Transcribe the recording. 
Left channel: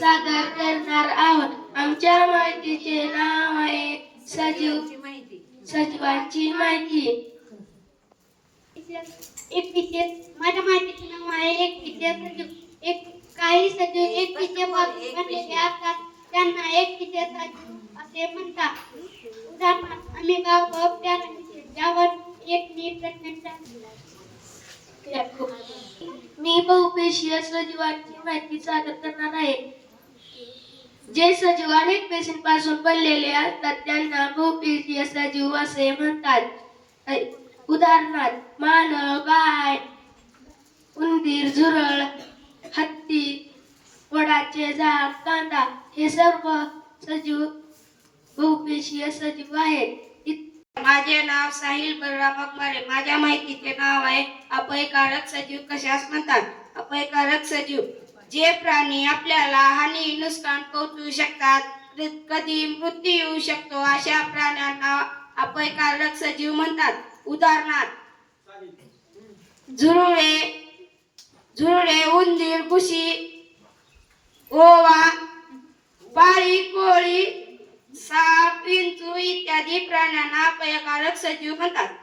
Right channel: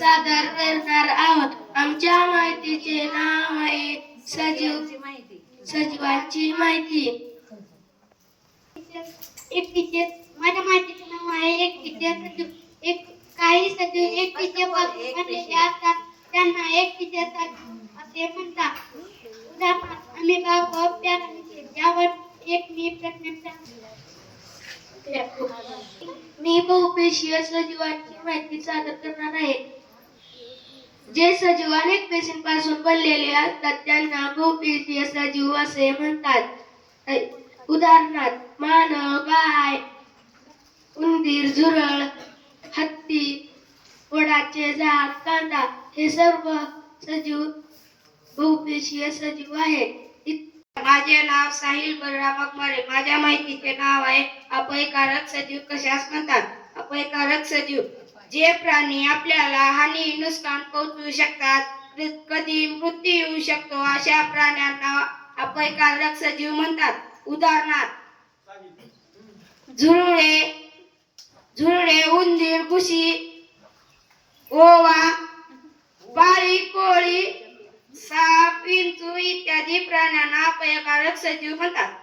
सादर करणार आहोत. आमच्या माहितीचे नाव आहे सजीवांची माहिती. माझ्या माहितीचे नाव आहे एकटीचे सजीव. काही सजीव एकटीचे बनलेले असतात, त्यांना एकटीचे सजीव असे म्हणतात. उदाहरणार्थ अमिबा व पॅरामीटर यावर एक मी प्रश्न मी बहुपेशीय सजीवांची माहिती सादर करणार आहे. जे सजीव अनेक पेशींपासून बनलेले असतात त्यांना बहुपेशीय सजीव असे म्हणतात. उदाहरणार्थ मानव, गाय, उंदीर, झुरळ, हत्ती, वडाचे झाड, कांदा हे सर्व सजीव बहुपेशीय सजीव आहेत. माझे नाव साहिल बलराम अकमारे. माझ्या माहितीचे नाव आहे अपयकारक सजीव कशास म्हणतात. अपयकारक सजीव जे प्राणी आपल्याला हानी नुकसान पोहोचवू शकतात, कधी मृत्यू येऊ शकतो अशा प्राण्यांना अपयकारक सजीव म्हणतात. उदाहरणार्थ झुरळे, उंदीर, घुशी, ओवा, पाळी, कोळी, साप, विंचू इत्यादी प्राण्यांना अपयकारक सजीव म्हणतात.